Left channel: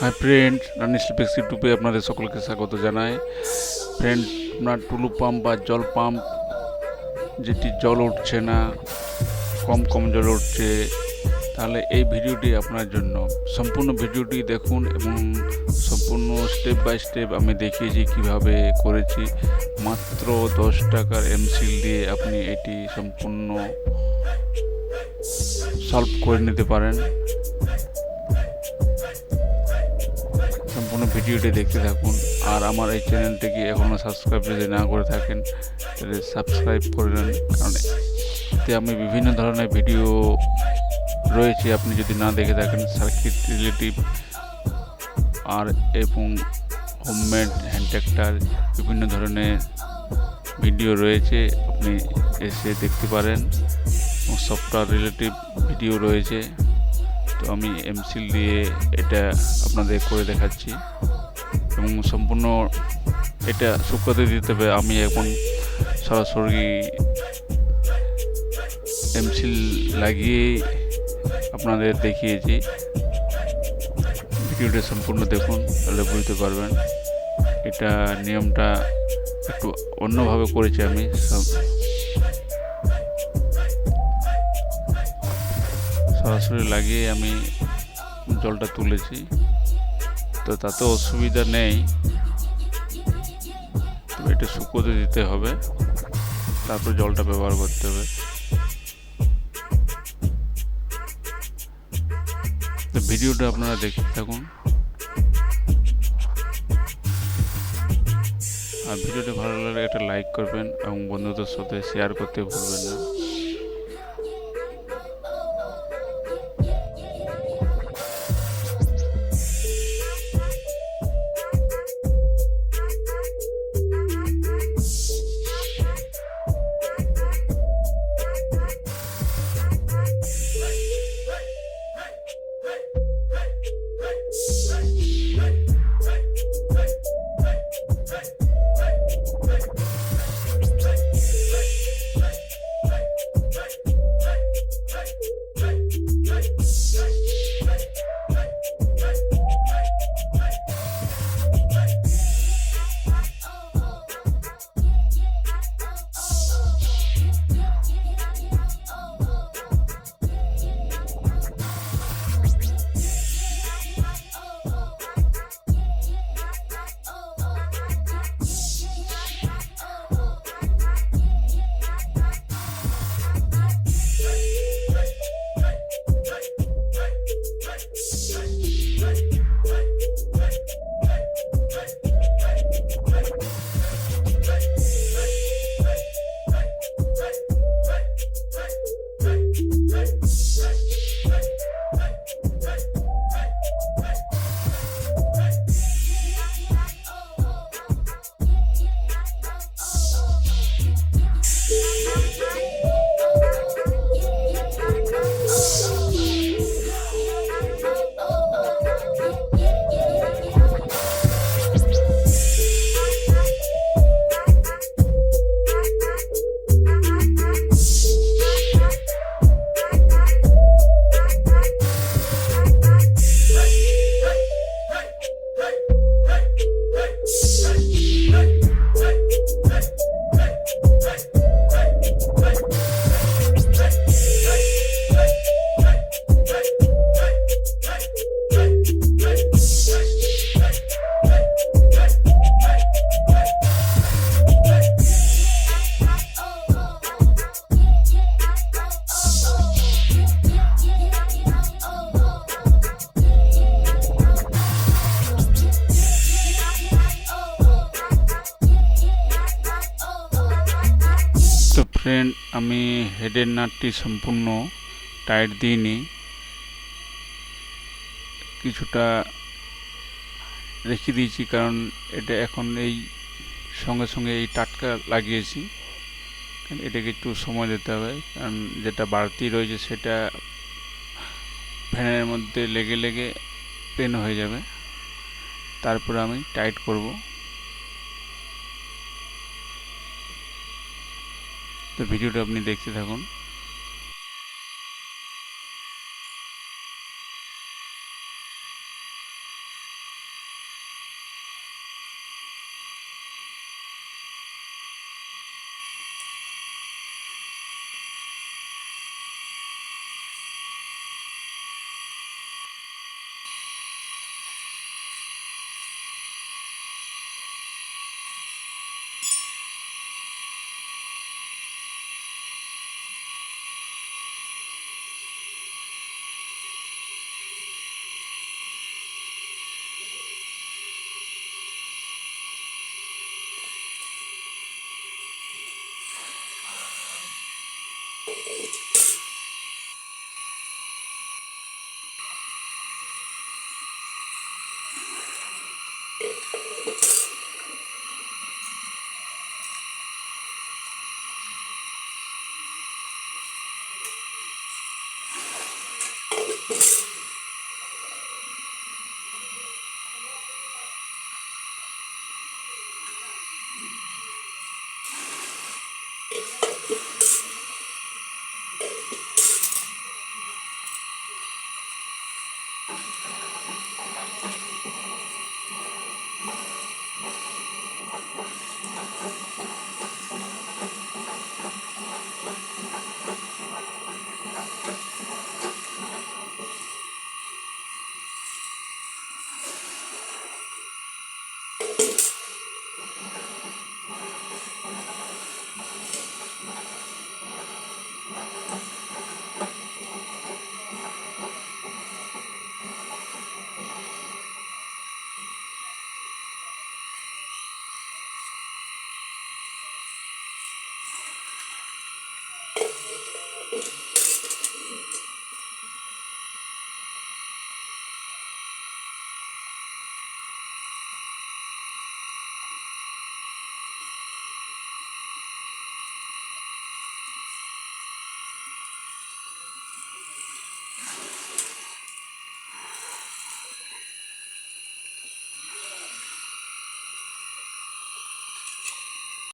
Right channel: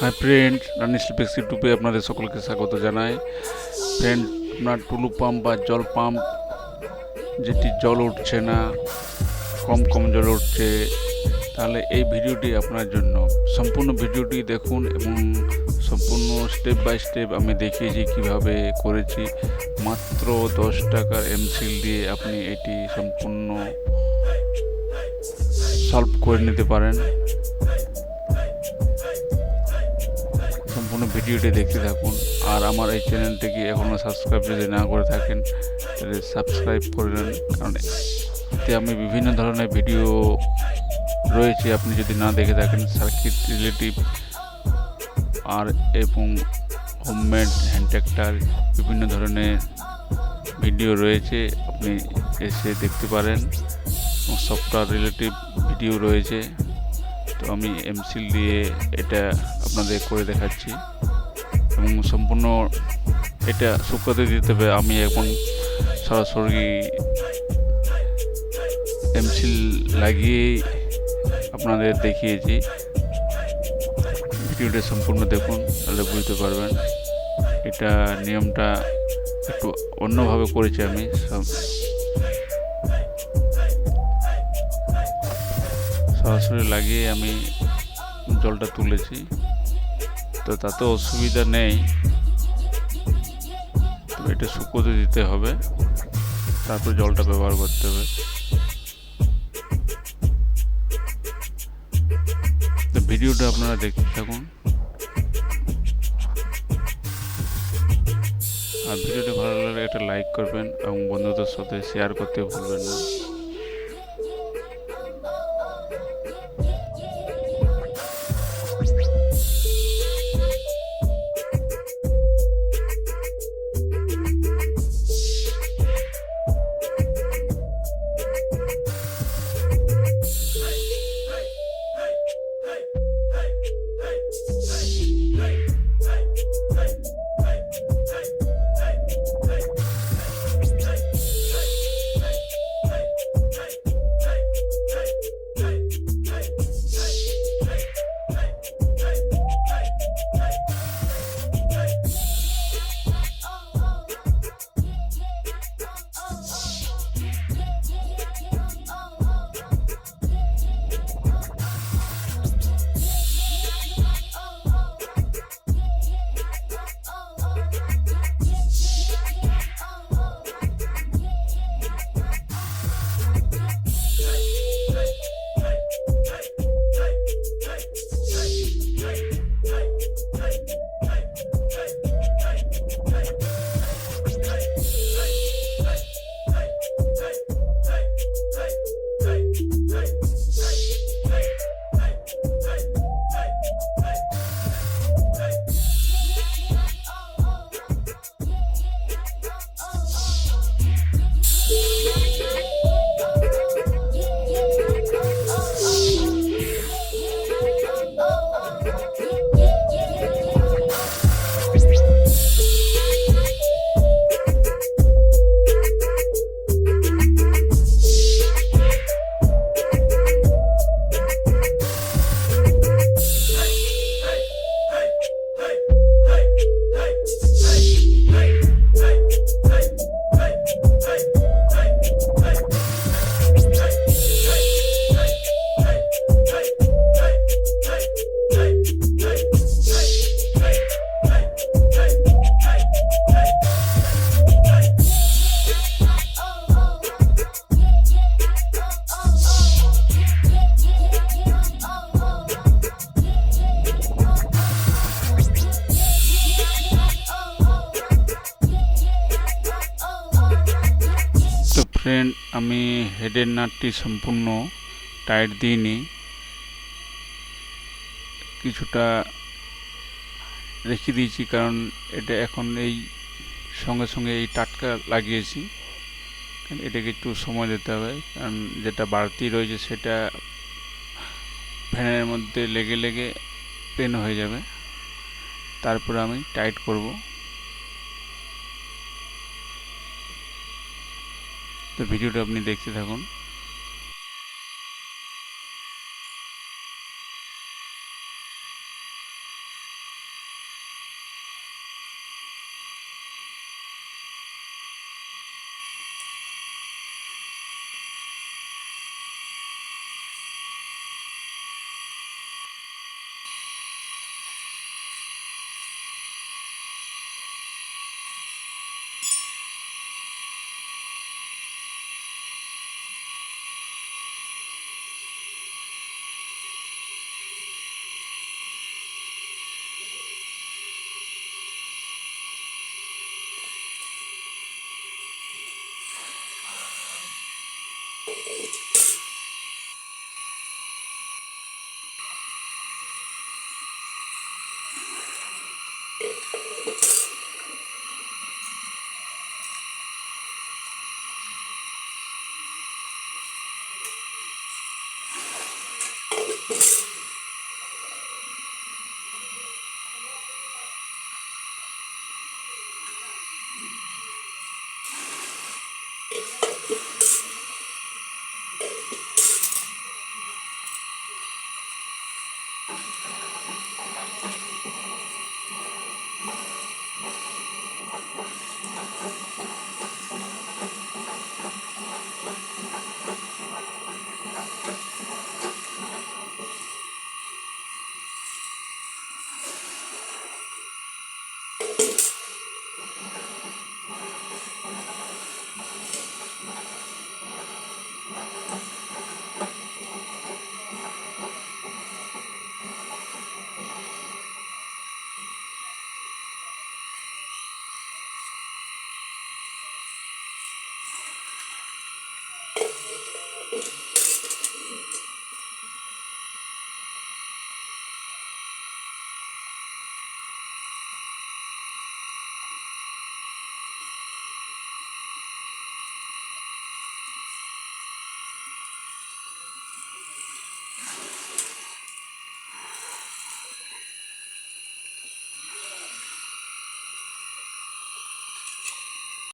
Hi friend, RaniSelectPlex ইউটিউবে আপনাদের সকলকে স্বাগত জানাই। ফ্রেন্ড, আপনার টুলু পাম্প বা জল পাম্প যেটি জল উঠছে না, কম জল উঠছে, তাহলে এই ভিডিওটি আপনার জন্য। সম্পূর্ণ ভিডিওটি দেখুন এবং সম্পূর্ণ স্টেপ বাই স্টেপ আমি দেখিয়েছি কিভাবে করেছি। মাত্র 10 টাকার এমসিল দিয়ে আপনি এটি সম্পূর্ণ সলভ করে নিতে পারেন। সম্পূর্ণ ভিডিওটি দেখতে থাকুন। আর আমার এই চ্যানেলটিকে এখনও সাবস্ক্রাইব যদি না করে থাকেন তাহলে সাবস্ক্রাইব করে নেন, কারণ এতে আমি বিভিন্ন ধরনের ভিডিও রয়েছে, আপনি যদি না দেখে থাকেন সার্কিট রিলেটিভ আর এবং হোমমেড হ্যান্ড ট্র্যাক্টর বিভিন্ন ধরনের ভিডিও রয়েছে, আপনি এসে দেখতে পারেন। সফটওয়্যার রিলেটিভ ভিডিও রয়েছে। তো আমি এমসিল দিয়ে এটা আপনাদের করে দেখাচ্ছি এবং সম্পূর্ণ এটা শুকাতে দিতে হবে। আমি এখন সরাসরি এমসিল লাগিয়েই আপনাদের দেখিয়েছি। ভিডিওটা সম্পূর্ণ দেখুন, তাহলে বুঝতে পারবেন। এটা নিয়মটা একটু অন্যভাবে করেছি আমি। সরাসরি লাগিয়ে আমি জলটা তুলেছি, তো তাতে অসুবিধা নেই, তবে এটা শুকোতে দিতে হবে, তারপর জলটা ব্যবহার করতে হবে। তো ভিডিওটা আপনারা দেখতে থাকুন, আর ভিডিওটা ভালো লাগলে একটা লাইক করবেন এবং বন্ধুদের সাথে শেয়ার করতে ভুলবেন না। তো ফ্রেন্ড, আমি হেডের নাটটি সম্পূর্ণ টাইট দিইনি, কিছুটা রেখে দিয়েছি, কারণ এটা এখন এই সঙ্গে এই টাটকা লাগিয়েছি, এটাকে একটু সময় দিতে হবে, কারণ যেটা বাড়তি রয়েছে সেটা ফ্যানের মধ্যে লেগে পেন হয়ে যাবে। তারপরে আমি টাইট করব। তো ভিডিওটা আপনি দেখতে থাকুন।